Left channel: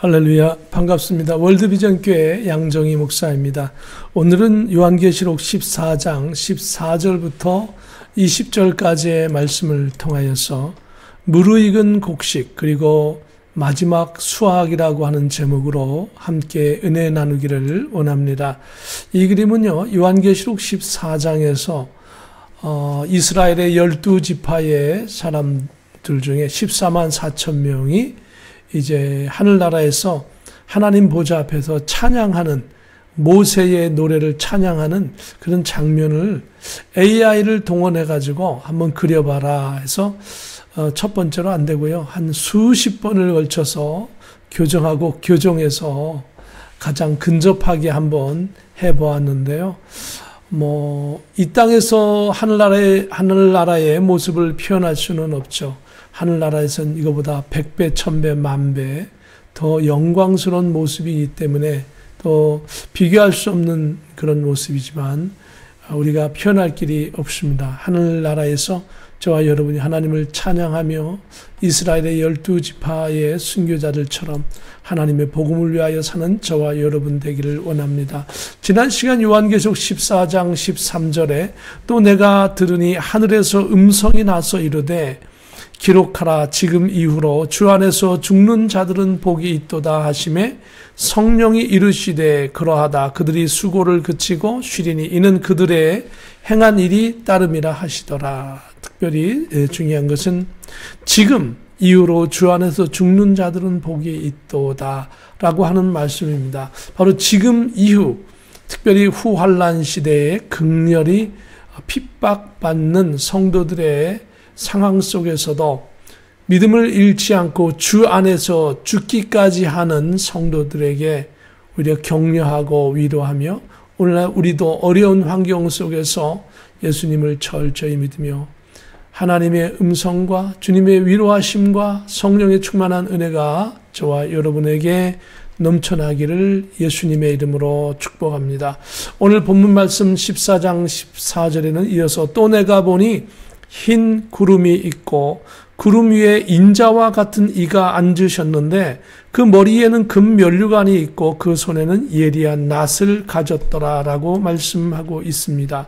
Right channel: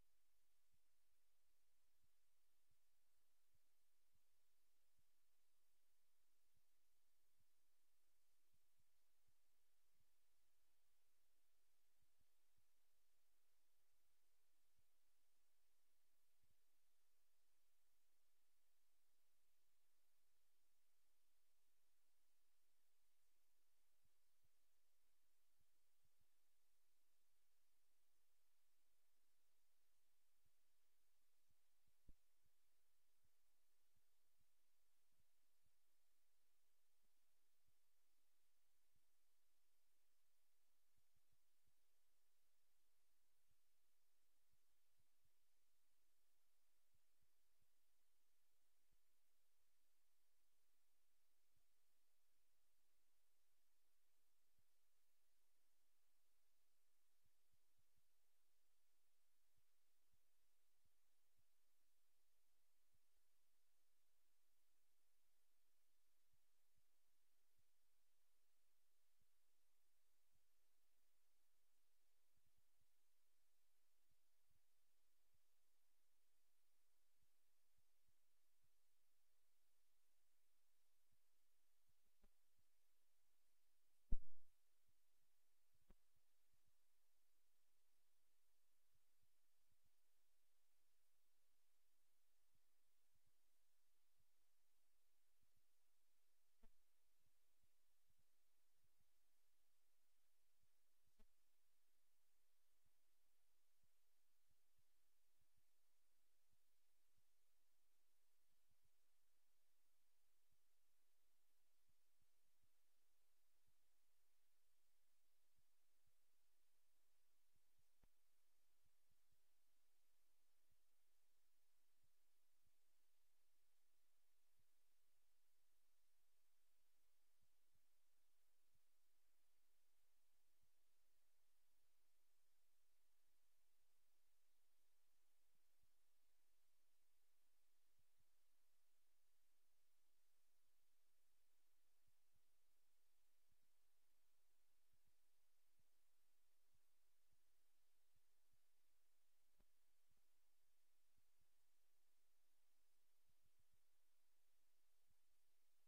할렐루야, 반갑습니다. 월드비전교회 양정희 목사입니다. 오늘은 요한계시록 14장 14절부터 20절까지의 말씀을 통하여서 무르익은 곡식 그리고 마지막 수확이라고 하는 제목으로 함께 은혜 나누기를 원합니다. 이 그림은요, 요한계시록 14장에서 이스라엘의 12지파의 사람들 중에 14만 4천 명이 이제 하늘나라에서 하나님 보좌 앞에서 찬양하는, 모세의 노래를 찬양하는 그런 장면을 AI를 동원해 가지고 한번 그려봐라 해서 첫 번째로 안 되고요, 한 수십 번을 걸쳐서 교정하고 교정해서 가장 근접하게 한번 해보았는데요. 이 땅에서 하늘나라의 모습을 표현할 수는 없죠. 하늘나라에서는 이거보다 100배, 1000배, 만배 더 영광스러운 모습이기 때문에 또 비교할 수 없는 그런 모습이지만 우리가 표현할 길이 없습니다. 하늘나라에서 저와 여러분이 하나님을 찬양하며 이스라엘의 12지파의 순교자들처럼 하나님의 복음을 위하여 사는 저와 여러분 되기를 원합니다. 지난 시간 요한계시록 14장 13절에 또 내가 들으니 하늘에서 음성이 나서 이르되 기록하라, 지금 이후로 주 안에서 죽는 자들은 복이 있도다 하시매 성령이 이르시되 그러하다 그들이 수고를 그치고 쉬리니 이는 그들의 행한 일이 따름이라 하시더라. 특별히 중요한 것은 지금 이후로 주 안에서 죽는 자들은 복이 있도다 라고 하는 말씀입니다. 바로 지금 이후, 특별히 후환란 시대에 극렬히 핍박받는 성도들의 상황 속에서도 믿음을 잃지 않고 주 안에서 죽기까지 하는 성도들에게 오히려 격려하고 위로하며 오늘날 우리도 어려운 환경 속에서 예수님을 철저히 믿으며 하나님의 음성과 주님의 위로하심과 성령의 충만한 은혜가 저와 여러분에게 넘쳐나기를 예수님의 이름으로 축복합니다. 오늘 본문 말씀 14장 14절에는 이어서 또 내가 보니 흰 구름이 있고 구름 위에 인자와 같은 이가 앉으셨는데 그 머리에는 금면류관이 있고 그 손에는 예리한 낫을 가졌더라라고 말씀하고 있습니다.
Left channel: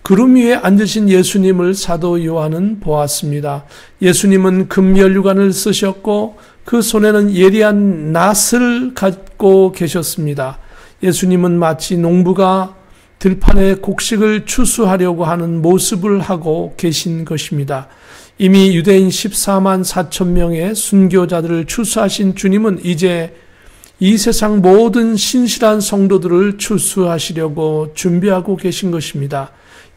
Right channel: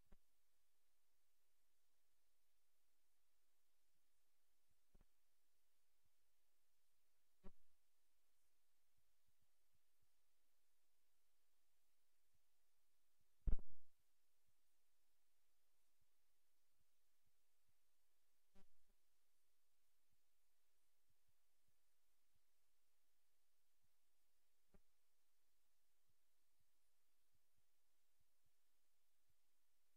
구름 위에 앉으신 예수님을 사도 요한은 보았습니다. 예수님은 금면류관을 쓰셨고 그 손에는 예리한 낫을 갖고 계셨습니다. 예수님은 마치 농부가 들판에 곡식을 추수하려고 하는 모습을 하고 계신 것입니다. 이미 유대인 14만 4천 명의 순교자들을 추수하신 주님은 이제 이 세상 모든 신실한 성도들을 추수하시려고 준비하고 계신 것입니다.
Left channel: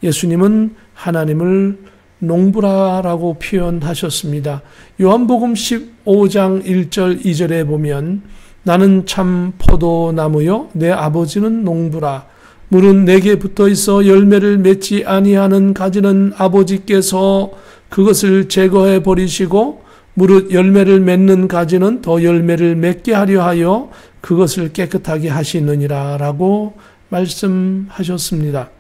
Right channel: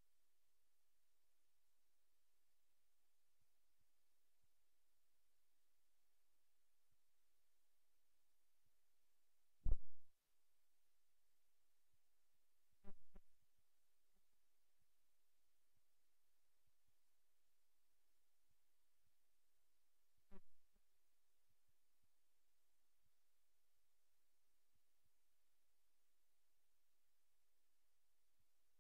예수님은 하나님을 농부라라고 표현하셨습니다. 요한복음 15장 1절 2절에 보면 나는 참 포도나무요 내 아버지는 농부라. 물은 내게 붙어 있어 열매를 맺지 아니하는 가지는 아버지께서 그것을 제거해 버리시고 무릇 열매를 맺는 가지는 더 열매를 맺게 하려 하여 그것을 깨끗하게 하시느니라 라고 말씀하셨습니다.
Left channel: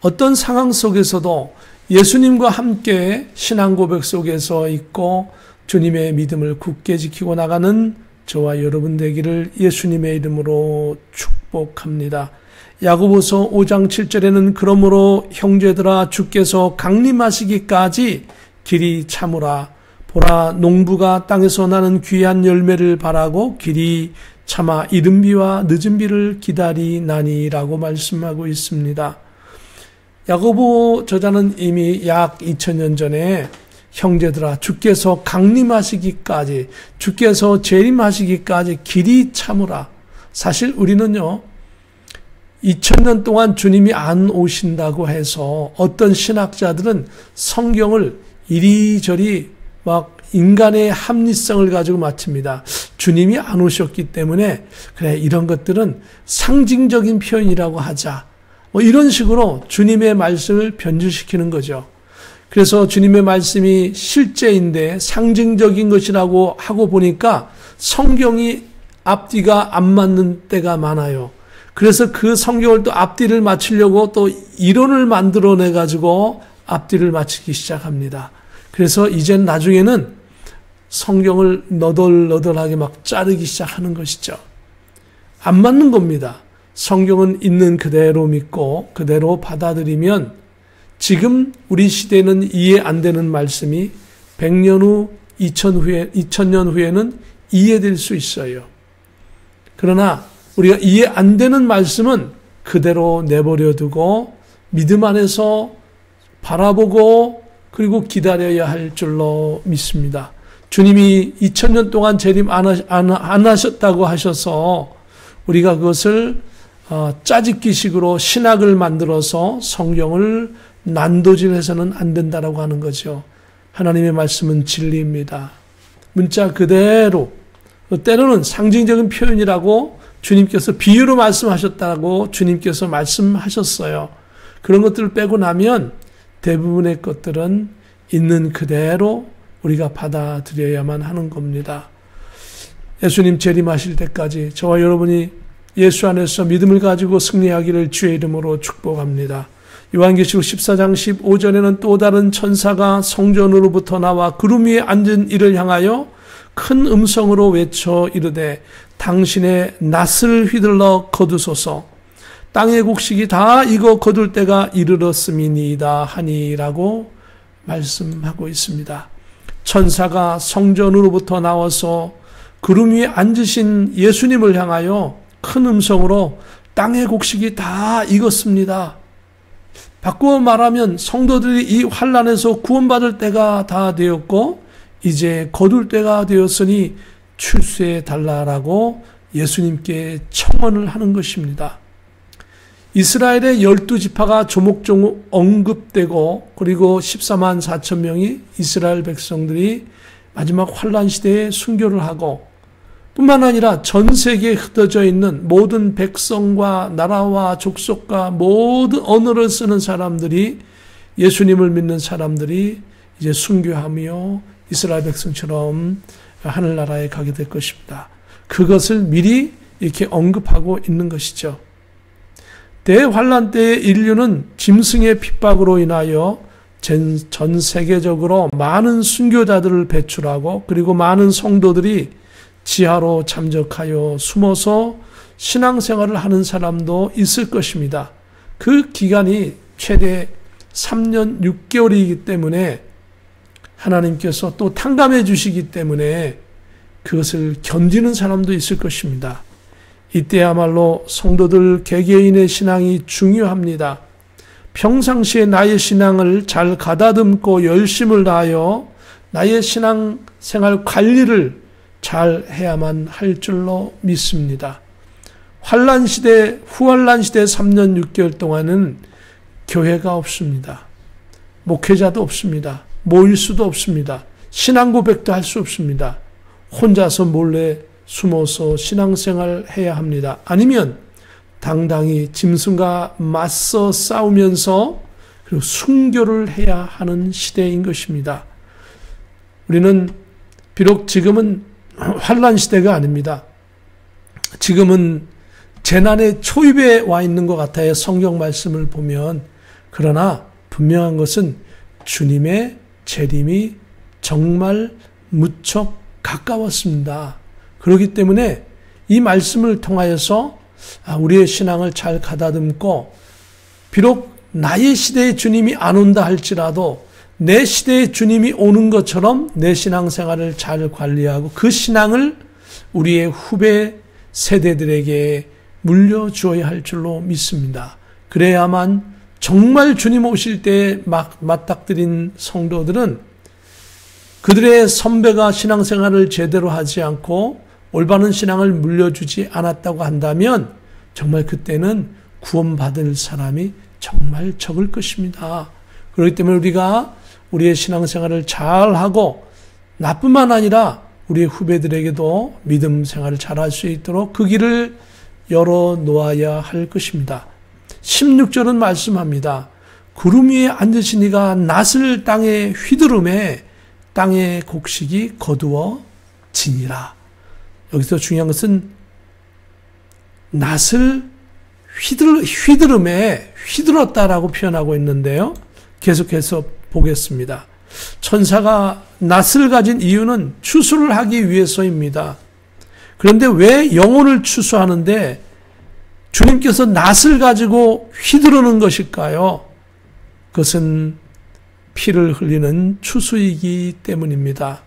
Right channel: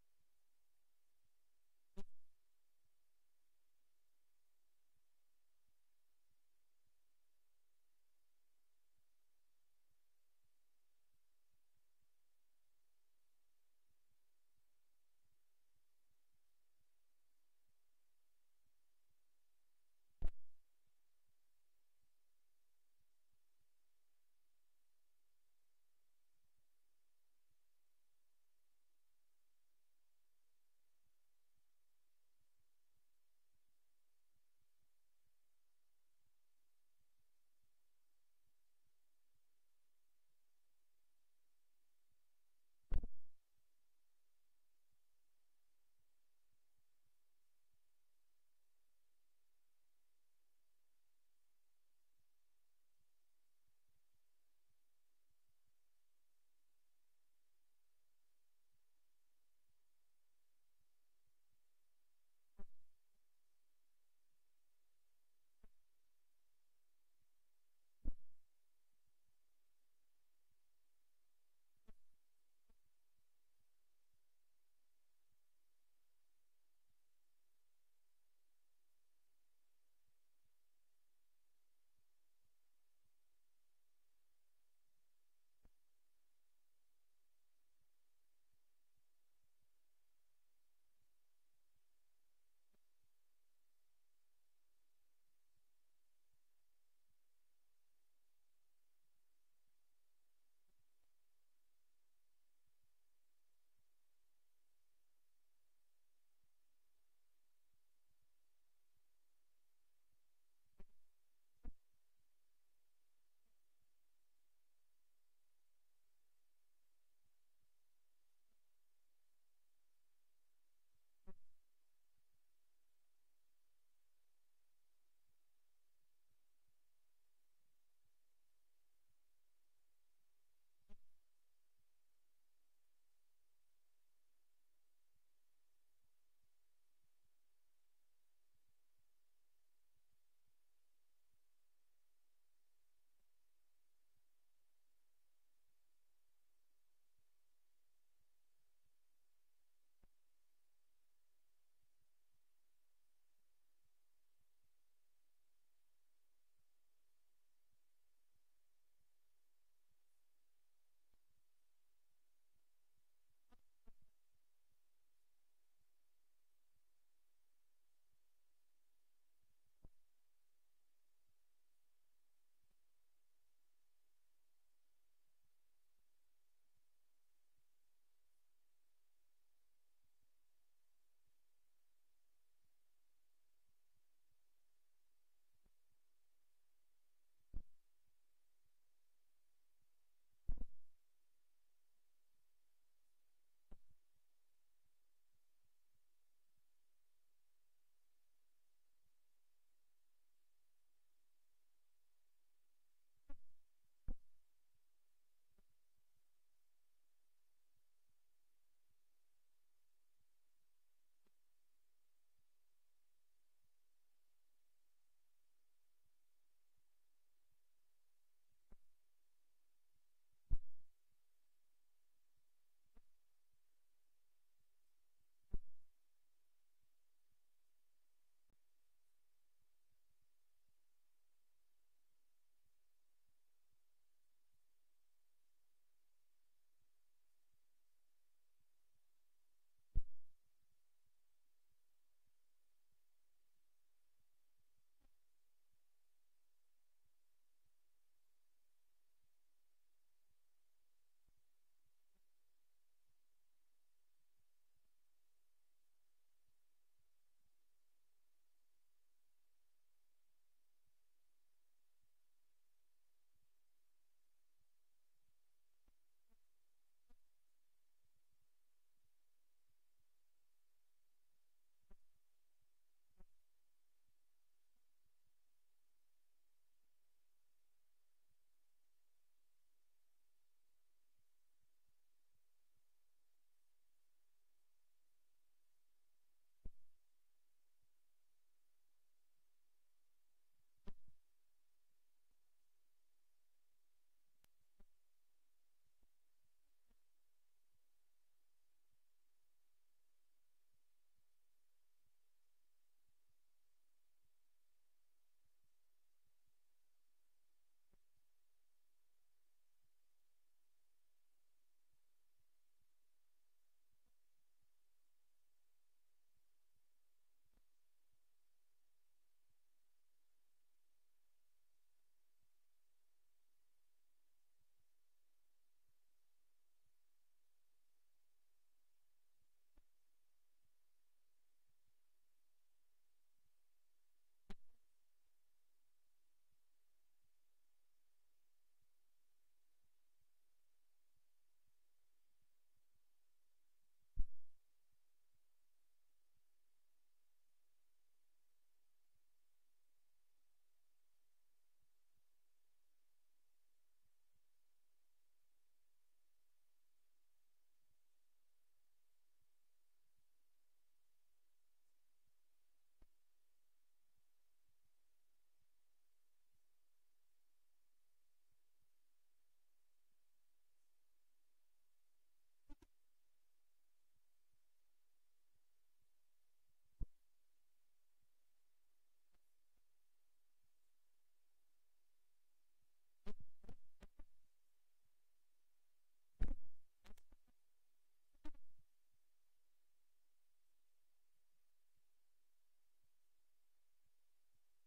어떤 상황 속에서도 예수님과 함께 신앙 고백 속에서 있고 주님의 믿음을 굳게 지키고 나가는 저와 여러분 되기를 예수님의 이름으로 축복합니다. 야고보서 5장 7절에는 그러므로 형제들아 주께서 강림하시기까지 길이 참으라. 보라, 농부가 땅에서 나는 귀한 열매를 바라고 길이 참아 이른 비와 늦은 비를 기다리나니라고 말씀하고 있습니다. 야고보 저자는 이미 약 2000년 전에 형제들아 주께서 강림하시기까지, 주께서 재림하시기까지 길이 참으라. 사실 우리는요 2000년 동안 주님이 안 오신다고 해서 어떤 신학자들은 성경을 이리저리 막 인간의 합리성을 가지고 맞춥니다. 주님이 안 오셨기 때문에 그래 이런 것들은 상징적인 표현이라고 하자. 이런 식으로 주님의 말씀을 변질시키는 거죠. 그래서 주님의 말씀이 실제인데 상징적인 것이라고 하고 보니까 성경이 앞뒤가 안 맞는 때가 많아요. 그래서 그 성경을 또 앞뒤를 맞추려고 또 이론을 만들어내 가지고 앞뒤를 맞추기 시작합니다. 그래서 이젠 나중에는 성경을 너덜너덜하게 막 자르기 시작하는 것이죠. 안 맞는 겁니다. 성경은 있는 그대로 믿고 그대로 받아들이면 지금 우리 시대는 이해 안 되는 말씀이 100년 후, 2000년 후에는 이해될 수 있어요. 그러나 우리가 이해 안 되는 말씀은 그대로 내버려 두고 믿음 안에서 바라보고 그리고 기다려야 할 줄로 믿습니다. 주님이 2000년 동안 재림 안 하셨다고 하셔서 우리가 그것을 짜집기식으로 신학을 만들어서 성경을 난도질해서는 안 된다라고 하는 거죠. 하나님의 말씀은 진리입니다. 문자 그대로, 때로는 상징적인 표현이라고 주님께서 비유로 말씀하셨다고 주님께서 말씀하셨어요. 그런 것들을 빼고 나면 대부분의 것들은 있는 그대로 우리가 받아들여야만 하는 겁니다. 예수님 재림하실 때까지 저와 여러분이 예수 안에서 믿음을 가지고 승리하기를 주의 이름으로 축복합니다. 요한계시록 14장 15절에는 또 다른 천사가 성전으로부터 나와 구름 위에 앉은 이를 향하여 큰 음성으로 외쳐 이르되 당신의 낫을 휘둘러 거두소서 땅의 곡식이 다 익어 거둘 때가 이르렀음이니이다 하니라고 말씀하고 있습니다. 천사가 성전으로부터 나와서 구름 위에 앉으신 예수님을 향하여 큰 음성으로 땅의 곡식이 다 익었습니다. 바꾸어 말하면 성도들이 이 환난에서 구원받을 때가 다 되었고 이제 거둘 때가 되었으니 출세해 달라라고 예수님께 청원을 하는 것입니다. 이스라엘의 12지파가 조목조목 언급되고 그리고 14만 4천 명이 이스라엘 백성들이 마지막 환난 시대에 순교를 하고 뿐만 아니라 전 세계에 흩어져 있는 모든 백성과 나라와 족속과 모든 언어를 쓰는 사람들이 예수님을 믿는 사람들이 이제 순교하며 이스라엘 백성처럼 하늘나라에 가게 될 것입니다. 그것을 미리 이렇게 언급하고 있는 것이죠. 대환란 때의 인류는 짐승의 핍박으로 인하여 전 세계적으로 많은 순교자들을 배출하고 그리고 많은 성도들이 지하로 잠적하여 숨어서 신앙생활을 하는 사람도 있을 것입니다. 그 기간이 최대 3년 6개월이기 때문에 하나님께서 또 탕감해 주시기 때문에 그것을 견디는 사람도 있을 것입니다. 이때야말로 성도들 개개인의 신앙이 중요합니다. 평상시에 나의 신앙을 잘 가다듬고 열심을 다하여 나의 신앙생활 관리를 잘 해야만 할 줄로 믿습니다. 환난 시대, 후환난 시대 3년 6개월 동안은 교회가 없습니다. 목회자도 없습니다. 모일 수도 없습니다. 신앙 고백도 할 수 없습니다. 혼자서 몰래 숨어서 신앙생활 해야 합니다. 아니면 당당히 짐승과 맞서 싸우면서 그리고 순교를 해야 하는 시대인 것입니다. 우리는 비록 지금은 환난 시대가 아닙니다. 지금은 재난의 초입에 와 있는 것 같아요. 성경 말씀을 보면. 그러나 분명한 것은 주님의 재림이 정말 무척 가까웠습니다. 그렇기 때문에 이 말씀을 통하여서 우리의 신앙을 잘 가다듬고 비록 나의 시대에 주님이 안 온다 할지라도 내 시대에 주님이 오는 것처럼 내 신앙생활을 잘 관리하고 그 신앙을 우리의 후배 세대들에게 물려주어야 할 줄로 믿습니다. 그래야만 정말 주님 오실 때에 맞닥뜨린 성도들은 그들의 선배가 신앙생활을 제대로 하지 않고 올바른 신앙을 물려주지 않았다고 한다면 정말 그때는 구원받을 사람이 정말 적을 것입니다. 그렇기 때문에 우리가 우리의 신앙생활을 잘하고 나뿐만 아니라 우리의 후배들에게도 믿음 생활을 잘할 수 있도록 그 길을 열어놓아야 할 것입니다. 16절은 말씀합니다. 구름 위에 앉으신 이가 낫을 땅에 휘두름에 땅의 곡식이 거두어지니라. 여기서 중요한 것은 낫을 휘두름에 휘둘렀다라고 표현하고 있는데요. 계속해서 보겠습니다. 천사가 낫을 가진 이유는 추수를 하기 위해서입니다. 그런데 왜 영혼을 추수하는데 주님께서 낫을 가지고 휘두르는 것일까요? 그것은 피를 흘리는 추수이기 때문입니다.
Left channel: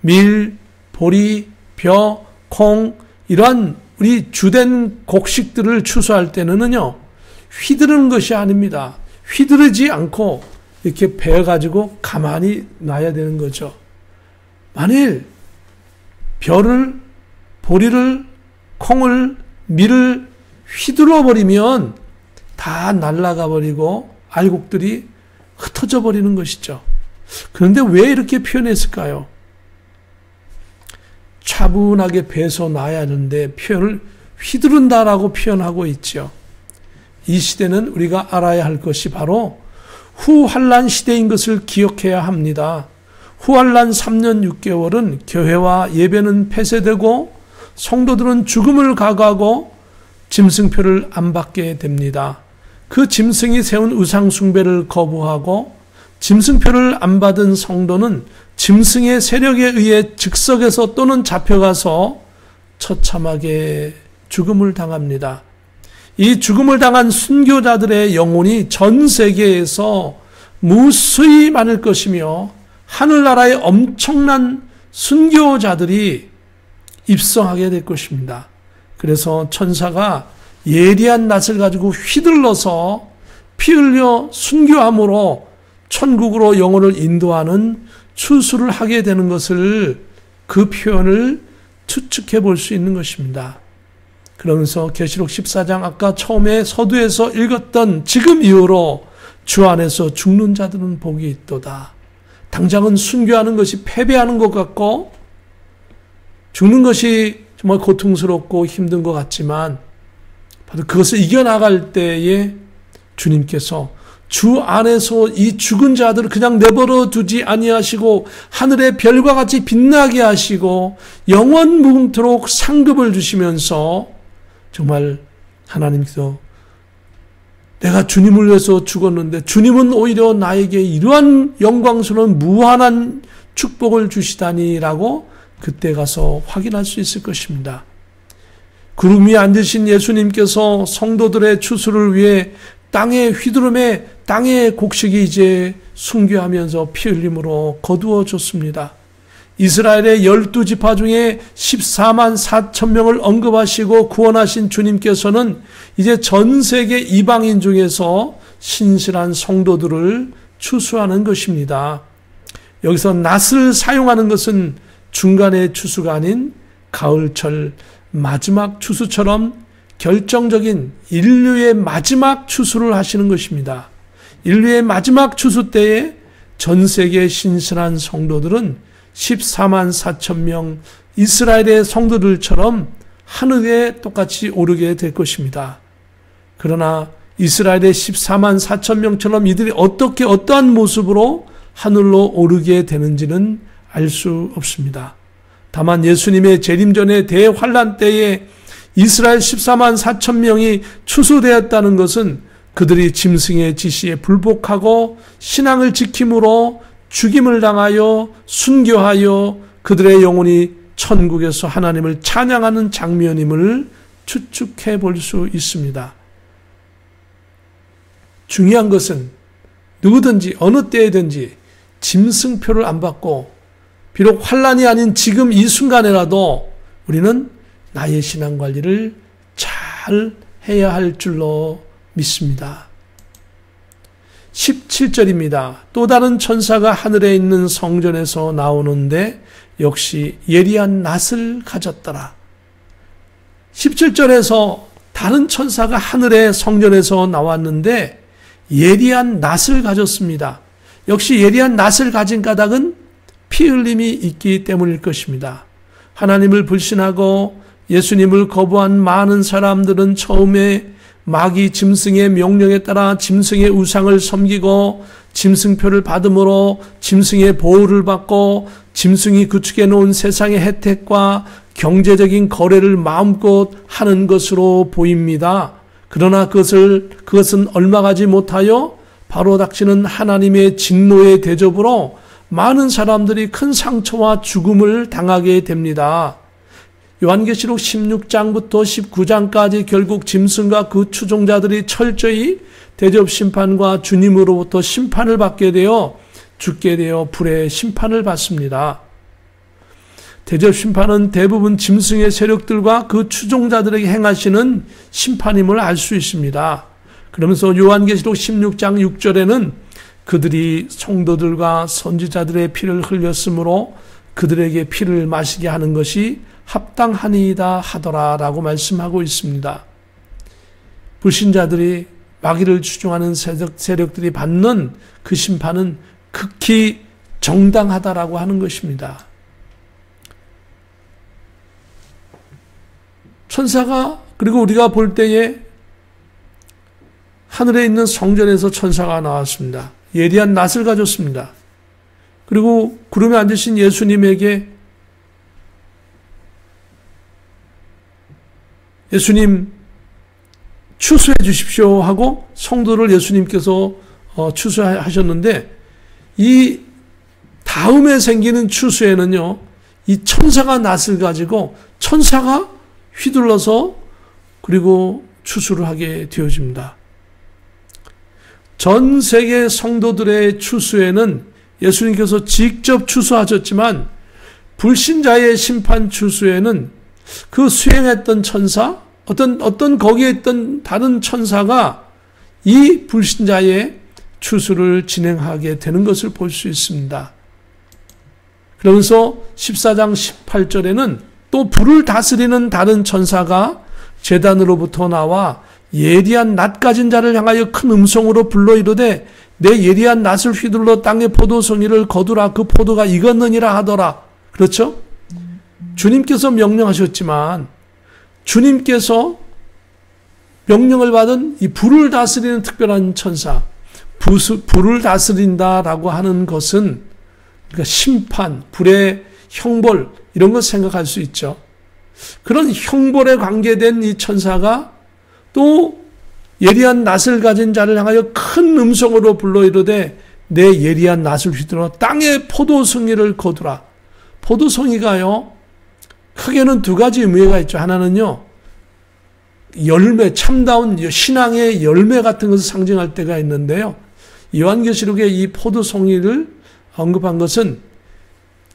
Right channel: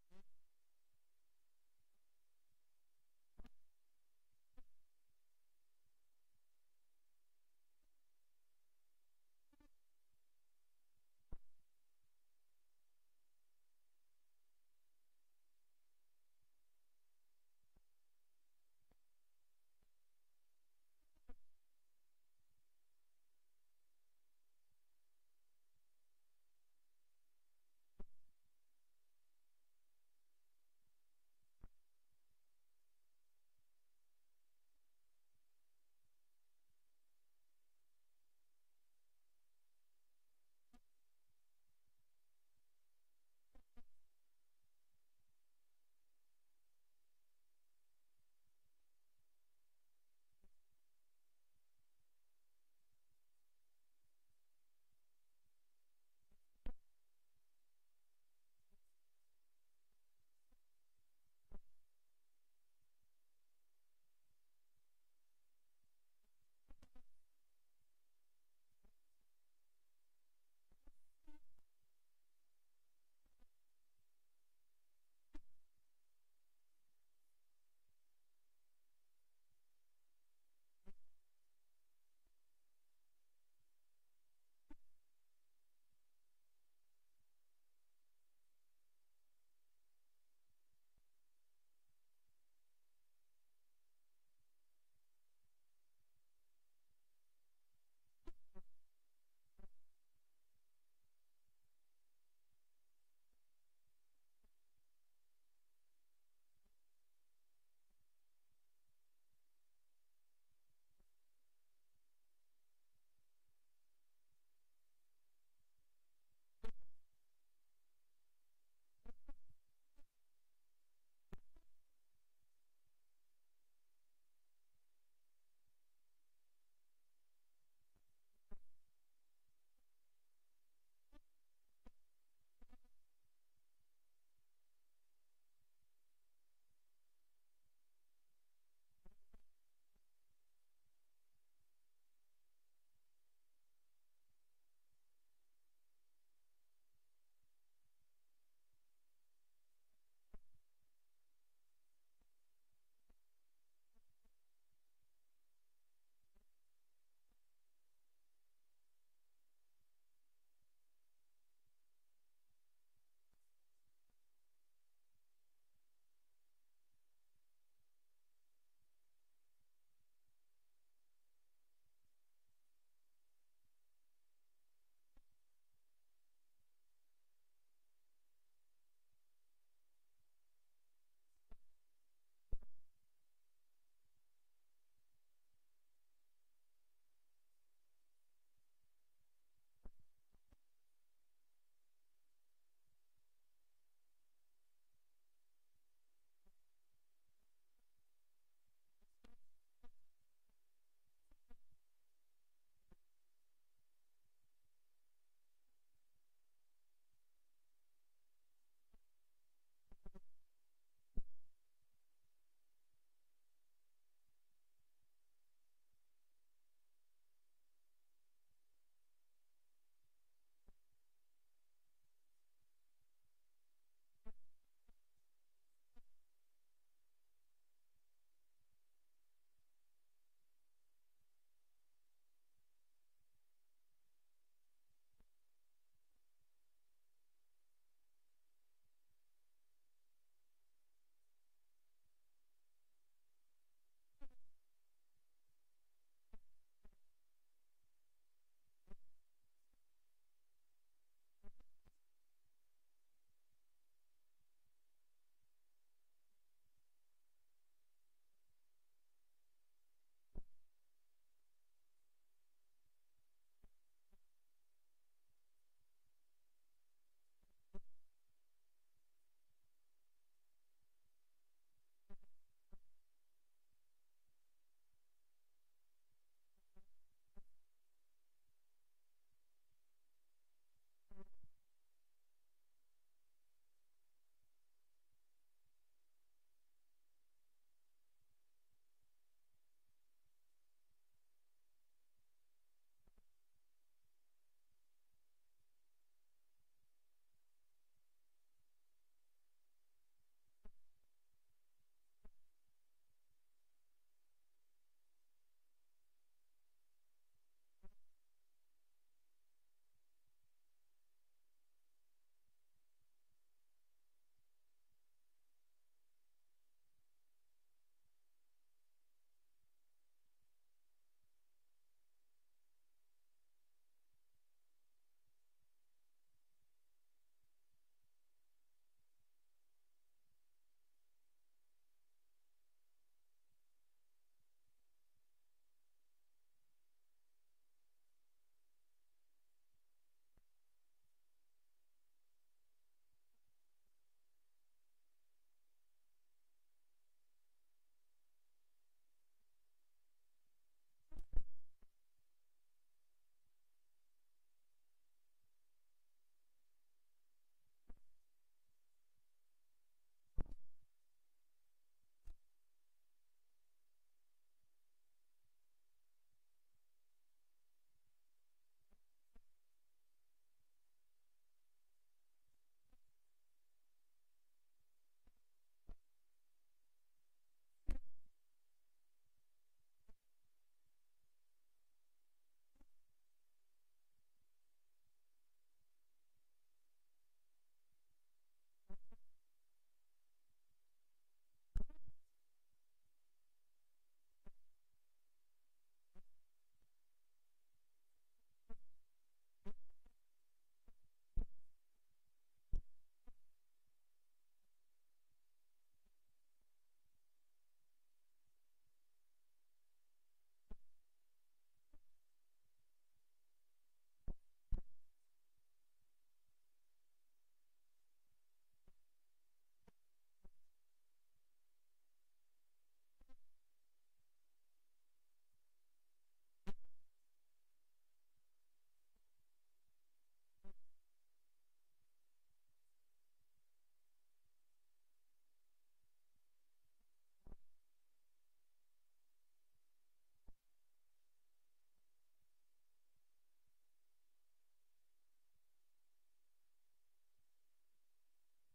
밀, 보리, 벼, 콩 이러한 우리 주된 곡식들을 추수할 때는요, 휘두르는 것이 아닙니다. 휘두르지 않고 이렇게 베어가지고 가만히 놔야 되는 거죠. 만일 벼를, 보리를, 콩을, 밀을 휘둘러 버리면 다 날아가 버리고 알곡들이 흩어져 버리는 것이죠. 그런데 왜 이렇게 표현했을까요? 차분하게 베서 놔야 하는데 표현을 휘두른다라고 표현하고 있죠. 이 시대는 우리가 알아야 할 것이 바로 후환란 시대인 것을 기억해야 합니다. 후환란 3년 6개월은 교회와 예배는 폐쇄되고 성도들은 죽음을 각오하고 짐승표를 안 받게 됩니다. 그 짐승이 세운 우상 숭배를 거부하고 짐승표를 안 받은 성도는 짐승의 세력에 의해 즉석에서 또는 잡혀가서 처참하게 죽음을 당합니다. 이 죽음을 당한 순교자들의 영혼이 전 세계에서 무수히 많을 것이며 하늘나라에 엄청난 순교자들이 입성하게 될 것입니다. 그래서 천사가 예리한 낫을 가지고 휘둘러서 피 흘려 순교함으로 천국으로 영혼을 인도하는 추수를 하게 되는 것을, 그 표현을 추측해 볼 수 있는 것입니다. 그러면서 계시록 14장 아까 처음에 서두에서 읽었던 지금 이후로 주 안에서 죽는 자들은 복이 있도다. 당장은 순교하는 것이 패배하는 것 같고 죽는 것이 정말 고통스럽고 힘든 것 같지만 바로 그것을 이겨나갈 때에 주님께서 주 안에서 이 죽은 자들을 그냥 내버려 두지 아니하시고 하늘의 별과 같이 빛나게 하시고 영원 무궁토록 상급을 주시면서 정말 하나님께서 내가 주님을 위해서 죽었는데 주님은 오히려 나에게 이러한 영광스러운 무한한 축복을 주시다니라고 그때 가서 확인할 수 있을 것입니다. 구름 위에 앉으신 예수님께서 성도들의 추수를 위해 땅의 휘두름에 땅의 곡식이 이제 순교하면서 피 흘림으로 거두어졌습니다. 이스라엘의 12지파 중에 14만 4천 명을 언급하시고 구원하신 주님께서는 이제 전 세계 이방인 중에서 신실한 성도들을 추수하는 것입니다. 여기서 낫을 사용하는 것은 중간의 추수가 아닌 가을철 마지막 추수처럼 결정적인 인류의 마지막 추수를 하시는 것입니다. 인류의 마지막 추수 때에 전 세계 신실한 성도들은 14만 4천 명 이스라엘의 성도들처럼 하늘에 똑같이 오르게 될 것입니다. 그러나 이스라엘의 14만 4천 명처럼 이들이 어떻게 어떠한 모습으로 하늘로 오르게 되는지는 알 수 없습니다. 다만 예수님의 재림 전의 대환란 때에 이스라엘 14만 4천 명이 추수되었다는 것은 그들이 짐승의 지시에 불복하고 신앙을 지킴으로 죽임을 당하여 순교하여 그들의 영혼이 천국에서 하나님을 찬양하는 장면임을 추측해 볼 수 있습니다. 중요한 것은 누구든지 어느 때에든지 짐승표를 안 받고 비록 환란이 아닌 지금 이 순간에라도 우리는 나의 신앙관리를 잘 해야 할 줄로 믿습니다. 17절입니다. 또 다른 천사가 하늘에 있는 성전에서 나오는데 역시 예리한 낫을 가졌더라. 17절에서 다른 천사가 하늘의 성전에서 나왔는데 예리한 낫을 가졌습니다. 역시 예리한 낫을 가진 까닭은 피 흘림이 있기 때문일 것입니다. 하나님을 불신하고 예수님을 거부한 많은 사람들은 처음에 마귀 짐승의 명령에 따라 짐승의 우상을 섬기고 짐승표를 받음으로 짐승의 보호를 받고 짐승이 구축해 놓은 세상의 혜택과 경제적인 거래를 마음껏 하는 것으로 보입니다. 그러나 그것은 얼마 가지 못하여 바로 닥치는 하나님의 진노의 대접으로 많은 사람들이 큰 상처와 죽음을 당하게 됩니다. 요한계시록 16장부터 19장까지 결국 짐승과 그 추종자들이 철저히 대접 심판과 주님으로부터 심판을 받게 되어 죽게 되어 불의 심판을 받습니다. 대접 심판은 대부분 짐승의 세력들과 그 추종자들에게 행하시는 심판임을 알 수 있습니다. 그러면서 요한계시록 16장 6절에는 그들이 성도들과 선지자들의 피를 흘렸으므로 그들에게 피를 마시게 하는 것이 합당하니이다 하더라라고 말씀하고 있습니다. 불신자들이 마귀를 추종하는 세력들이 받는 그 심판은 극히 정당하다라고 하는 것입니다. 천사가, 그리고 우리가 볼 때에 하늘에 있는 성전에서 천사가 나왔습니다. 예리한 낫을 가졌습니다. 그리고 구름에 앉으신 예수님에게 예수님 추수해 주십시오 하고 성도를 예수님께서 추수하셨는데, 이 다음에 생기는 추수에는요, 이 천사가 낫을 가지고 천사가 휘둘러서 그리고 추수를 하게 되어집니다. 전 세계 성도들의 추수에는 예수님께서 직접 추수하셨지만, 불신자의 심판 추수에는 그 수행했던 천사, 어떤 거기에 있던 다른 천사가 이 불신자의 추수를 진행하게 되는 것을 볼 수 있습니다. 그러면서 14장 18절에는 또 불을 다스리는 다른 천사가 제단으로부터 나와 예리한 낫 가진 자를 향하여 큰 음성으로 불러 이르되 내 예리한 낫을 휘둘러 땅의 포도송이를 거두라. 그 포도가 익었느니라 하더라. 그렇죠? 주님께서 명령하셨지만 주님께서 명령을 받은 이 불을 다스리는 특별한 천사, 불을 다스린다라고 하는 것은 그러니까 심판, 불의 형벌 이런 것 생각할 수 있죠. 그런 형벌에 관계된 이 천사가 또 예리한 낫을 가진 자를 향하여 큰 음성으로 불러 이르되 내 예리한 낫을 휘둘러 땅의 포도송이를 거두라. 포도송이가요, 크게는 두 가지 의미가 있죠. 하나는요, 열매, 참다운 신앙의 열매 같은 것을 상징할 때가 있는데요. 요한계시록에 이 포도송이를 언급한 것은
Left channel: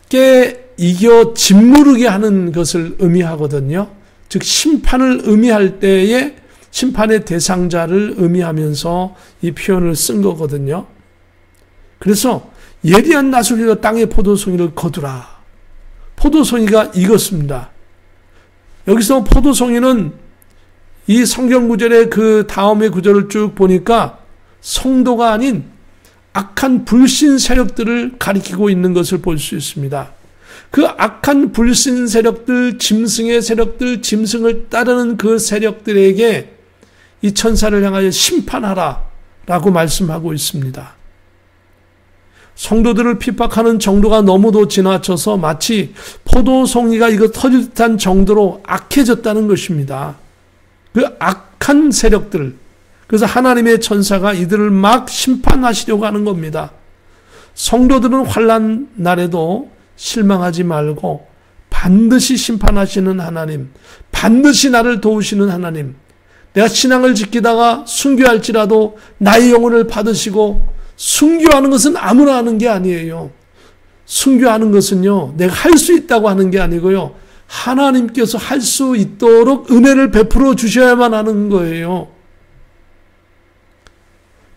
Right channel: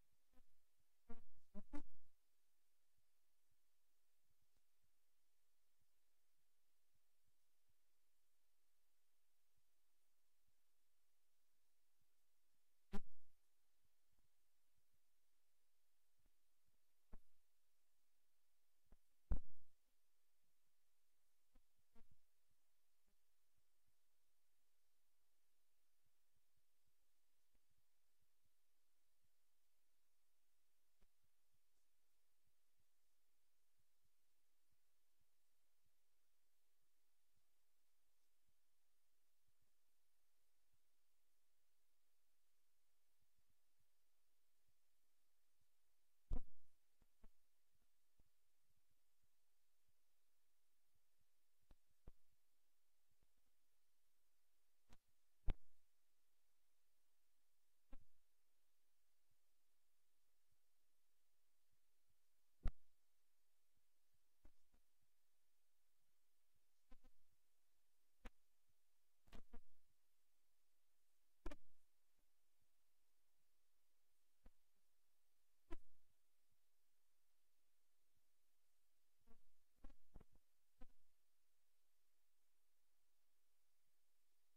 깨 이겨 짓무르게 하는 것을 의미하거든요. 즉 심판을 의미할 때에 심판의 대상자를 의미하면서 이 표현을 쓴 거거든요. 그래서 예리한 낫을 휘둘러 땅의 포도송이를 거두라. 포도송이가 익었습니다. 여기서 포도송이는 이 성경 구절의 그 다음의 구절을 쭉 보니까 성도가 아닌 악한 불신 세력들을 가리키고 있는 것을 볼 수 있습니다. 그 악한 불신 세력들, 짐승의 세력들, 짐승을 따르는 그 세력들에게 이 천사를 향하여 심판하라 라고 말씀하고 있습니다. 성도들을 핍박하는 정도가 너무도 지나쳐서 마치 포도송이가 이거 터질 듯한 정도로 악해졌다는 것입니다. 그 악한 세력들, 그래서 하나님의 천사가 이들을 막 심판하시려고 하는 겁니다. 성도들은 환난 날에도 실망하지 말고 반드시 심판하시는 하나님, 반드시 나를 도우시는 하나님, 내가 신앙을 지키다가 순교할지라도 나의 영혼을 받으시고, 순교하는 것은 아무나 하는 게 아니에요. 순교하는 것은요, 내가 할 수 있다고 하는 게 아니고요, 하나님께서 할 수 있도록 은혜를 베풀어 주셔야만 하는 거예요.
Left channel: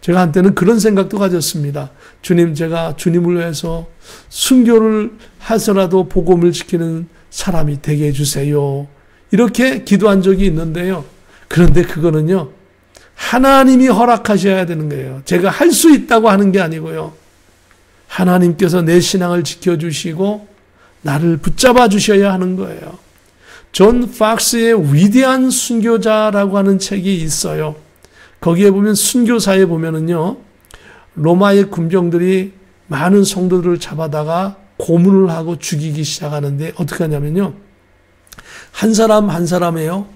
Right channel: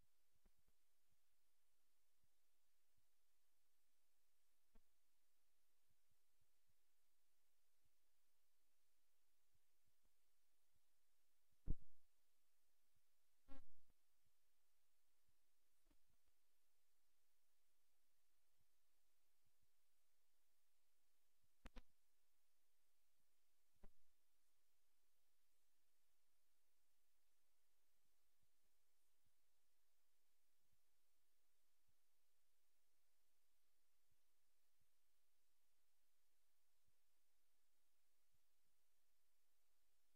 제가 한때는 그런 생각도 가졌습니다. 주님, 제가 주님을 위해서 순교를 해서라도 복음을 지키는 사람이 되게 해주세요. 이렇게 기도한 적이 있는데요. 그런데 그거는요, 하나님이 허락하셔야 되는 거예요. 제가 할 수 있다고 하는 게 아니고요. 하나님께서 내 신앙을 지켜주시고 나를 붙잡아 주셔야 하는 거예요. 존 팍스의 위대한 순교자라고 하는 책이 있어요. 거기에 보면 순교사에 보면은요, 로마의 군병들이 많은 성도들을 잡아다가 고문을 하고 죽이기 시작하는데 어떻게 하냐면요, 한 사람 한 사람에요,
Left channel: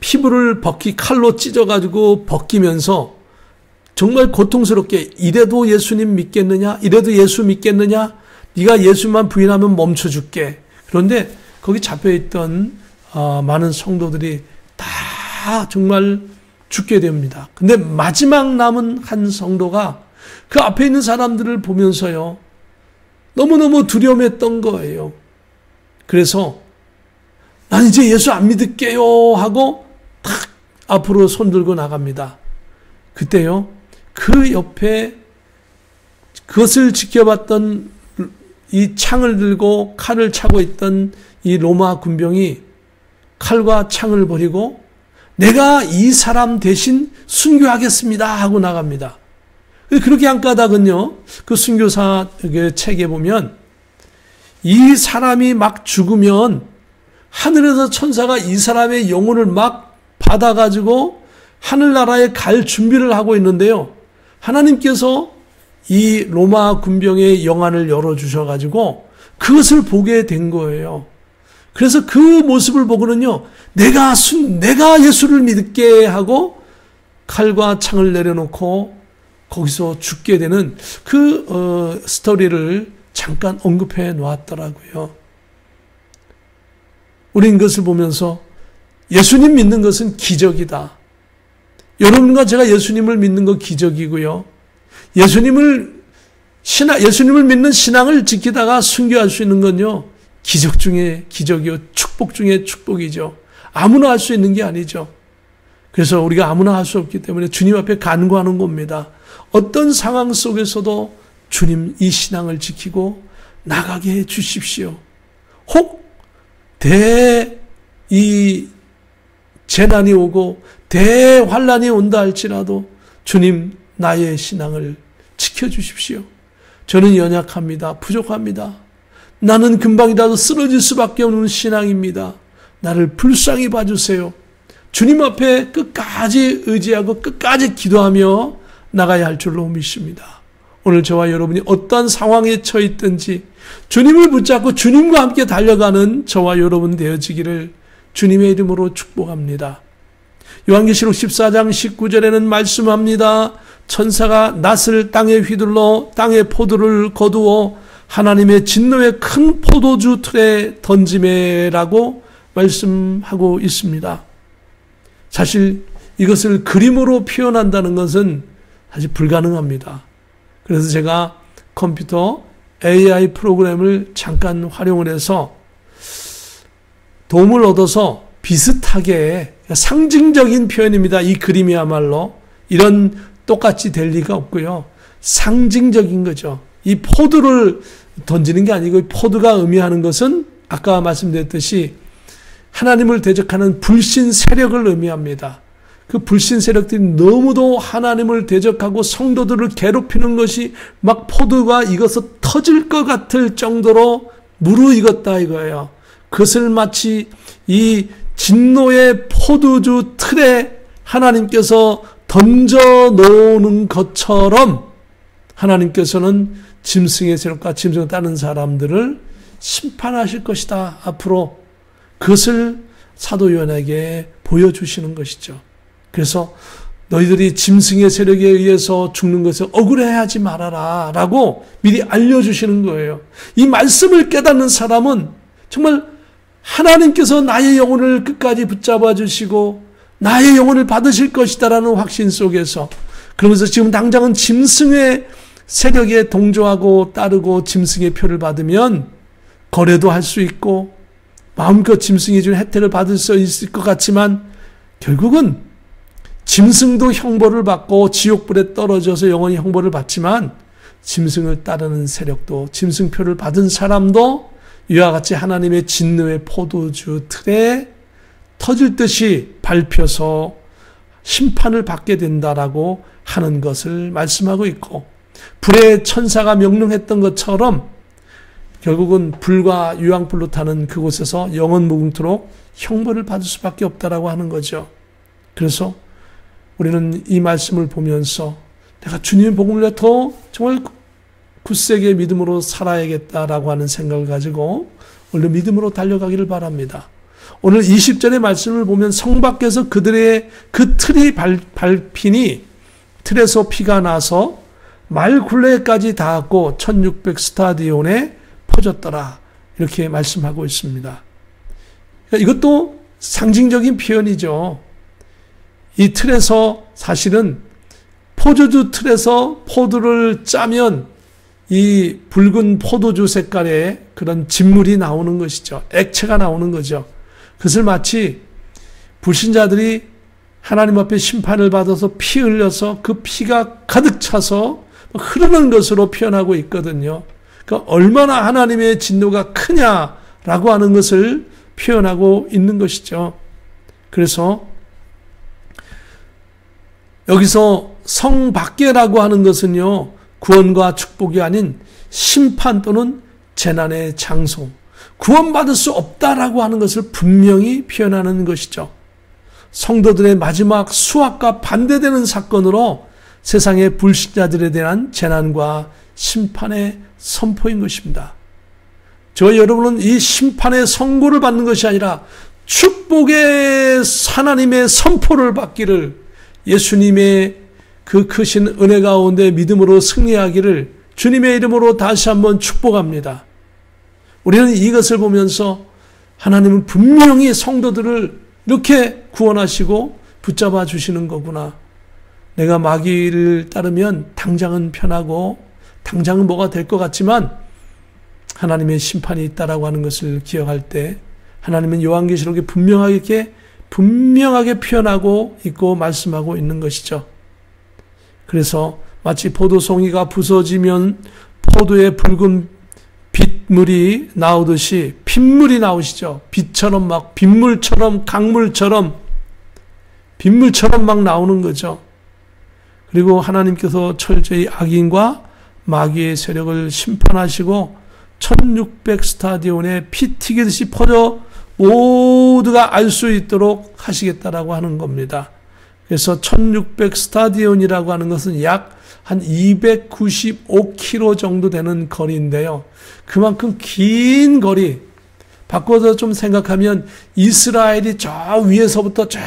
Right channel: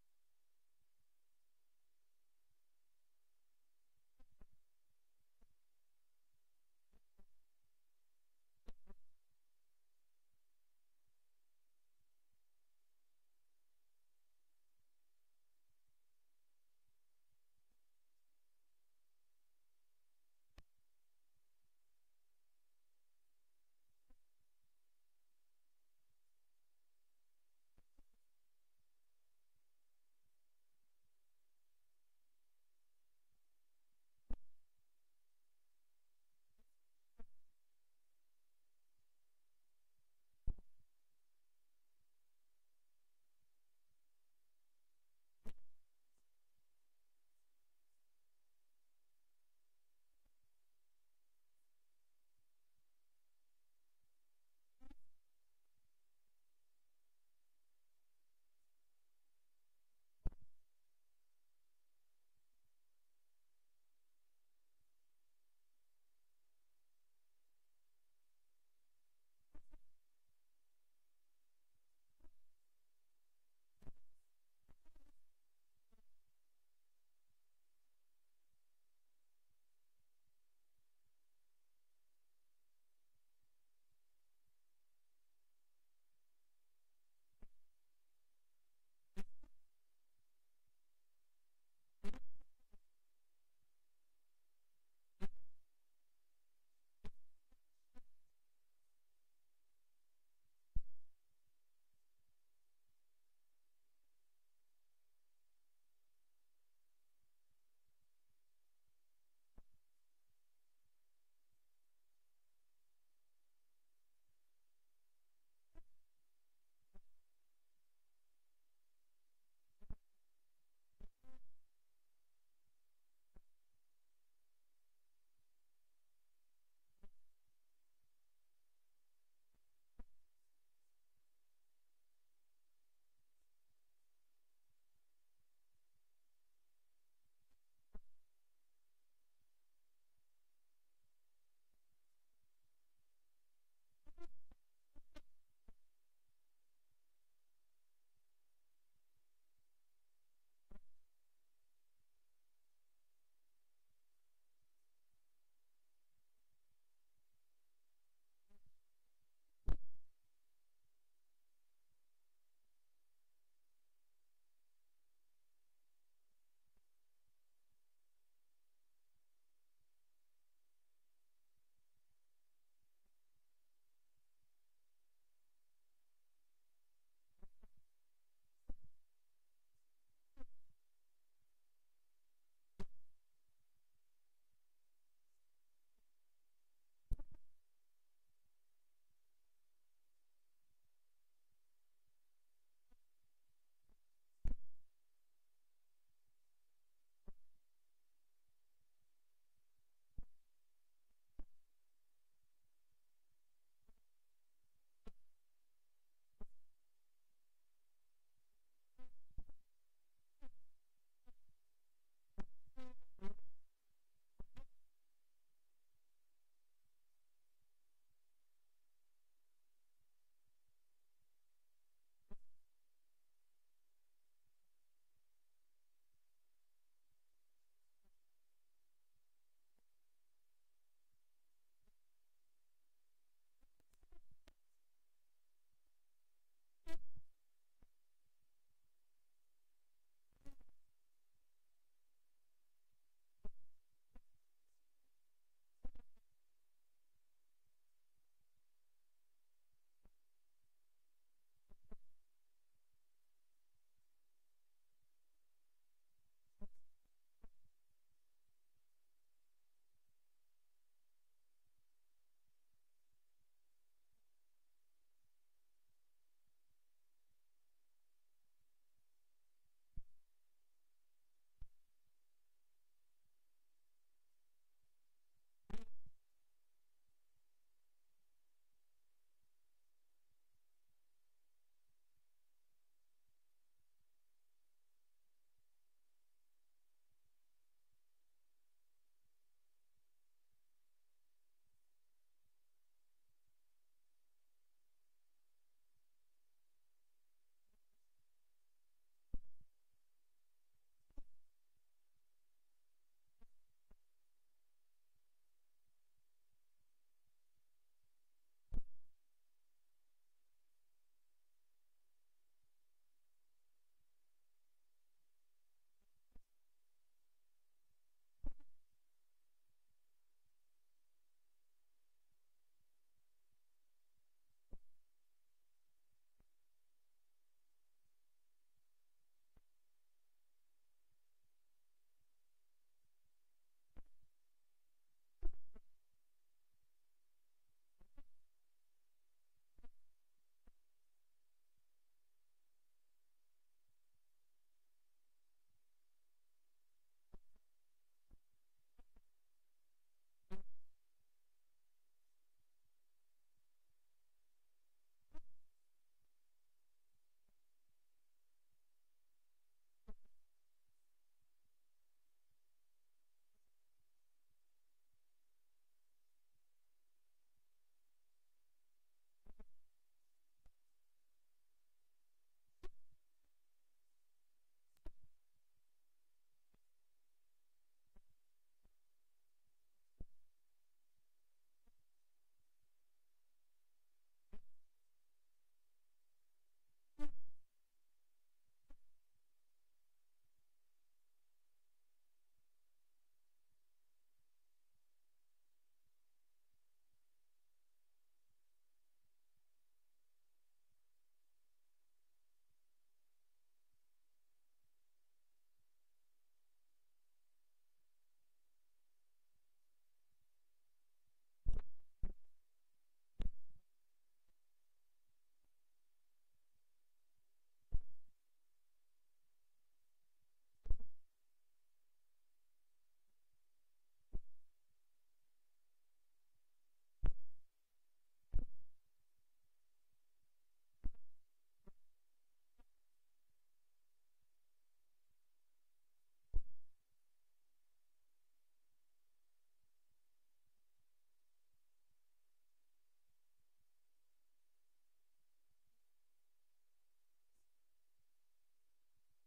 피부를 칼로 찢어가지고 벗기면서 정말 고통스럽게 이래도 예수님 믿겠느냐? 이래도 예수 믿겠느냐? 네가 예수만 부인하면 멈춰줄게. 그런데 거기 잡혀있던 많은 성도들이 다 정말 죽게 됩니다. 근데 마지막 남은 한 성도가 그 앞에 있는 사람들을 보면서요, 너무너무 두려움했던 거예요. 그래서 난 이제 예수 안 믿을게요 하고 탁 앞으로 손 들고 나갑니다. 그때요, 그 옆에 그것을 지켜봤던 이 창을 들고 칼을 차고 있던 이 로마 군병이 칼과 창을 버리고 내가 이 사람 대신 순교하겠습니다 하고 나갑니다. 그렇게 한 까닭은요, 그 순교사 책에 보면 이 사람이 막 죽으면 하늘에서 천사가 이 사람의 영혼을 막 받아가지고 하늘나라에 갈 준비를 하고 있는데요, 하나님께서 이 로마 군병의 영안을 열어주셔가지고 그것을 보게 된 거예요. 그래서 그 모습을 보고는요, 내가 예수를 믿게 하고 칼과 창을 내려놓고 거기서 죽게 되는 그 스토리를 잠깐 언급해 놓았더라고요. 우린 그것을 보면서 예수님 믿는 것은 기적이다. 여러분과 제가 예수님을 믿는 거 기적이고요. 예수님을 믿는 신앙을 지키다가 순교할 수 있는 건요, 기적 중에 기적이요, 축복 중에 축복이죠. 아무나 할 수 있는 게 아니죠. 그래서 우리가 아무나 할 수 없기 때문에 주님 앞에 간구하는 겁니다. 어떤 상황 속에서도 주님 이 신앙을 지키고 나가게 해 주십시오. 혹 이 재난이 오고 대환란이 온다 할지라도 주님 나의 신앙을 지켜주십시오. 저는 연약합니다. 부족합니다. 나는 금방이라도 쓰러질 수밖에 없는 신앙입니다. 나를 불쌍히 봐주세요. 주님 앞에 끝까지 의지하고 끝까지 기도하며 나가야 할 줄로 믿습니다. 오늘 저와 여러분이 어떠한 상황에 처해 있든지 주님을 붙잡고 주님과 함께 달려가는 저와 여러분 되어지기를 주님의 이름으로 축복합니다. 요한계시록 14장 19절에는 말씀합니다. 천사가 낫을 땅에 휘둘러 땅의 포도를 거두어 하나님의 진노의 큰 포도주 틀에 던지매라고 말씀하고 있습니다. 사실 이것을 그림으로 표현한다는 것은 사실 불가능합니다. 그래서 제가 컴퓨터 AI 프로그램을 잠깐 활용을 해서 도움을 얻어서 비슷하게 상징적인 표현입니다. 이 그림이야말로 이런 똑같이 될 리가 없고요. 상징적인 거죠. 이 포도를 던지는 게 아니고 포도가 의미하는 것은 아까 말씀드렸듯이 하나님을 대적하는 불신 세력을 의미합니다. 그 불신 세력들이 너무도 하나님을 대적하고 성도들을 괴롭히는 것이 막 포도가 익어서 터질 것 같을 정도로 무르익었다 이거예요. 그것을 마치 이 진노의 포도주 틀에 하나님께서 던져 놓는 것처럼 하나님께서는 짐승의 세력과 짐승을 따르는 사람들을 심판하실 것이다. 앞으로 그것을 사도 요한에게 보여주시는 것이죠. 그래서 너희들이 짐승의 세력에 의해서 죽는 것을 억울해하지 말아라 라고 미리 알려주시는 거예요. 이 말씀을 깨닫는 사람은 정말 하나님께서 나의 영혼을 끝까지 붙잡아 주시고 나의 영혼을 받으실 것이다라는 확신 속에서, 그러면서 지금 당장은 짐승의 세력에 동조하고 따르고 짐승의 표를 받으면 거래도 할 수 있고 마음껏 짐승이 준 혜택을 받을 수 있을 것 같지만 결국은 짐승도 형벌을 받고 지옥불에 떨어져서 영원히 형벌을 받지만 짐승을 따르는 세력도, 짐승표를 받은 사람도 이와 같이 하나님의 진노의 포도주 틀에 터질 듯이 밟혀서 심판을 받게 된다라고 하는 것을 말씀하고 있고, 불의 천사가 명령했던 것처럼 결국은 불과 유황불로 타는 그곳에서 영원 무궁토록 형벌을 받을 수밖에 없다라고 하는 거죠. 그래서 우리는 이 말씀을 보면서 내가 주님의 복음을 더 정말 굳세게 믿음으로 살아야겠다라고 하는 생각을 가지고 오늘 믿음으로 달려가기를 바랍니다. 오늘 20절의 말씀을 보면 성 밖에서 그들의 그 틀이 밟히니 틀에서 피가 나서 말 굴레까지 닿았고 1600 스타디온에 퍼졌더라. 이렇게 말씀하고 있습니다. 그러니까 이것도 상징적인 표현이죠. 이 틀에서 사실은 포도주 틀에서 포도를 짜면 이 붉은 포도주 색깔의 그런 진물이 나오는 것이죠. 액체가 나오는 거죠. 그것을 마치 불신자들이 하나님 앞에 심판을 받아서 피 흘려서 그 피가 가득 차서 흐르는 것으로 표현하고 있거든요. 그러니까 얼마나 하나님의 진노가 크냐라고 하는 것을 표현하고 있는 것이죠. 그래서 여기서 성 밖에라고 하는 것은요, 구원과 축복이 아닌 심판 또는 재난의 장소, 구원받을 수 없다라고 하는 것을 분명히 표현하는 것이죠. 성도들의 마지막 수확과 반대되는 사건으로 세상의 불신자들에 대한 재난과 심판의 선포인 것입니다. 저와 여러분은 이 심판의 선고를 받는 것이 아니라 축복의 하나님의 선포를 받기를, 예수님의 그 크신 은혜 가운데 믿음으로 승리하기를 주님의 이름으로 다시 한번 축복합니다. 우리는 이것을 보면서 하나님은 분명히 성도들을 이렇게 구원하시고 붙잡아 주시는 거구나. 내가 마귀를 따르면 당장은 편하고 당장은 뭐가 될 것 같지만 하나님의 심판이 있다라고 하는 것을 기억할 때 하나님은 요한계시록에 분명하게 표현하고 있고 말씀하고 있는 것이죠. 그래서 마치 포도송이가 부서지면 포도의 붉은 빗물이 나오듯이 핏물이 나오시죠. 빛처럼 막 빗물처럼 강물처럼 빗물처럼 막 나오는 거죠. 그리고 하나님께서 철저히 악인과 마귀의 세력을 심판하시고 1600 스타디온에 피 튀기듯이 퍼져 모두가 알 수 있도록 하시겠다라고 하는 겁니다. 그래서 1600 스타디온이라고 하는 것은 약 한 295km 정도 되는 거리인데요. 그만큼 긴 거리, 바꿔서 좀 생각하면 이스라엘이 저 위에서부터 저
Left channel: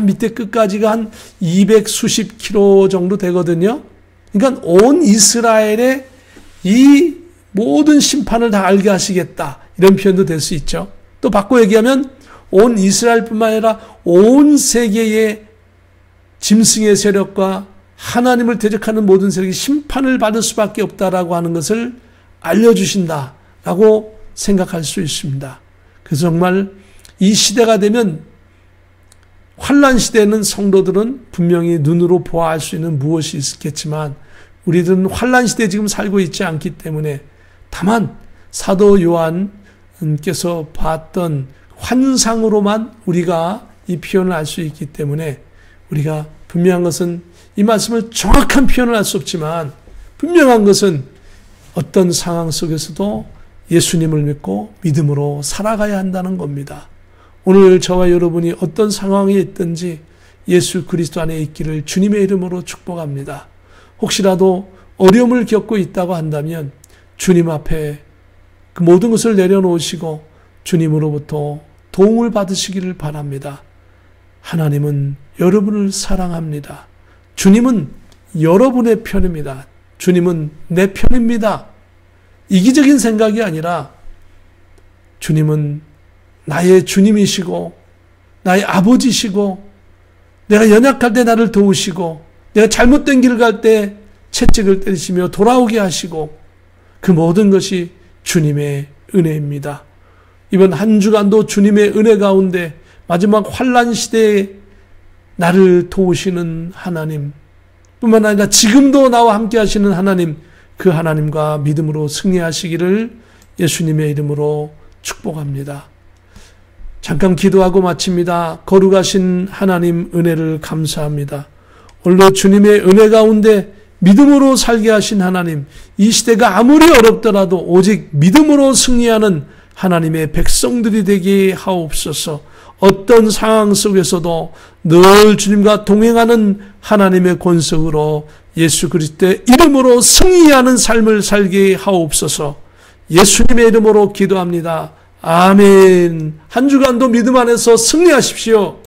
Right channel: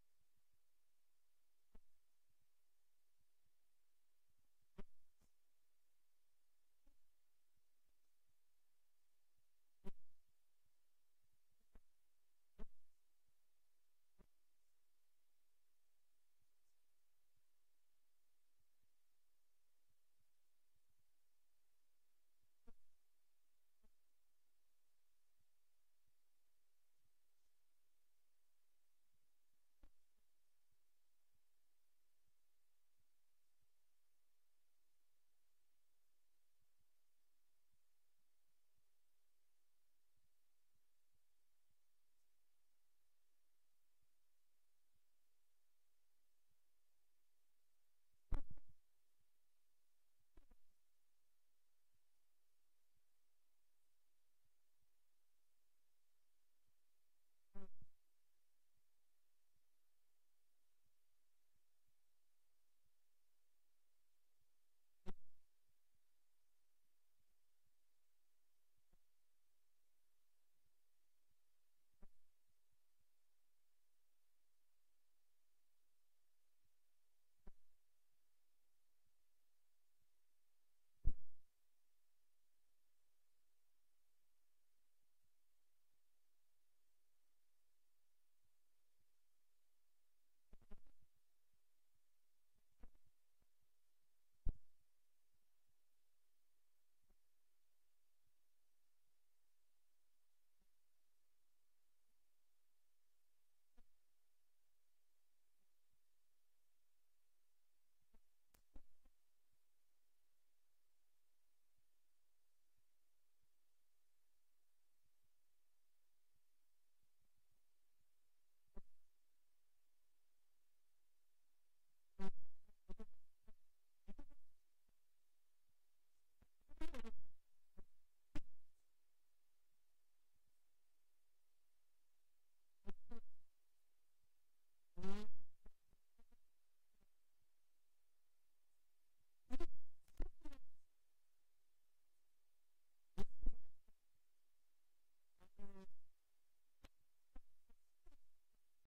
밑에 끝까지가 한 200수십 킬로 정도 되거든요. 그러니까 온 이스라엘의 이 모든 심판을 다 알게 하시겠다, 이런 표현도 될 수 있죠. 또 바꿔 얘기하면 온 이스라엘뿐만 아니라 온 세계의 짐승의 세력과 하나님을 대적하는 모든 세력이 심판을 받을 수밖에 없다라고 하는 것을 알려주신다라고 생각할 수 있습니다. 그래서 정말 이 시대가 되면, 환난 시대에는 성도들은 분명히 눈으로 보아할 수 있는 무엇이 있겠지만 우리들은 환난 시대에 지금 살고 있지 않기 때문에 다만 사도 요한께서 봤던 환상으로만 우리가 이 표현을 알 수 있기 때문에 우리가 분명한 것은, 이 말씀을 정확한 표현을 할 수 없지만 분명한 것은 어떤 상황 속에서도 예수님을 믿고 믿음으로 살아가야 한다는 겁니다. 오늘 저와 여러분이 어떤 상황에 있든지 예수 그리스도 안에 있기를 주님의 이름으로 축복합니다. 혹시라도 어려움을 겪고 있다고 한다면 주님 앞에 그 모든 것을 내려놓으시고 주님으로부터 도움을 받으시기를 바랍니다. 하나님은 여러분을 사랑합니다. 주님은 여러분의 편입니다. 주님은 내 편입니다. 이기적인 생각이 아니라 주님은 나의 주님이시고 나의 아버지시고, 내가 연약할 때 나를 도우시고, 내가 잘못된 길을 갈 때 채찍을 때리시며 돌아오게 하시고, 그 모든 것이 주님의 은혜입니다. 이번 한 주간도 주님의 은혜 가운데 마지막 환난 시대에 나를 도우시는 하나님, 뿐만 아니라 지금도 나와 함께 하시는 하나님, 그 하나님과 믿음으로 승리하시기를 예수님의 이름으로 축복합니다. 잠깐 기도하고 마칩니다. 거룩하신 하나님, 은혜를 감사합니다. 오늘도 주님의 은혜 가운데 믿음으로 살게 하신 하나님, 이 시대가 아무리 어렵더라도 오직 믿음으로 승리하는 하나님의 백성들이 되게 하옵소서. 어떤 상황 속에서도 늘 주님과 동행하는 하나님의 권속으로 예수 그리스도의 이름으로 승리하는 삶을 살게 하옵소서. 예수님의 이름으로 기도합니다. 아멘. 한 주간도 믿음 안에서 승리하십시오.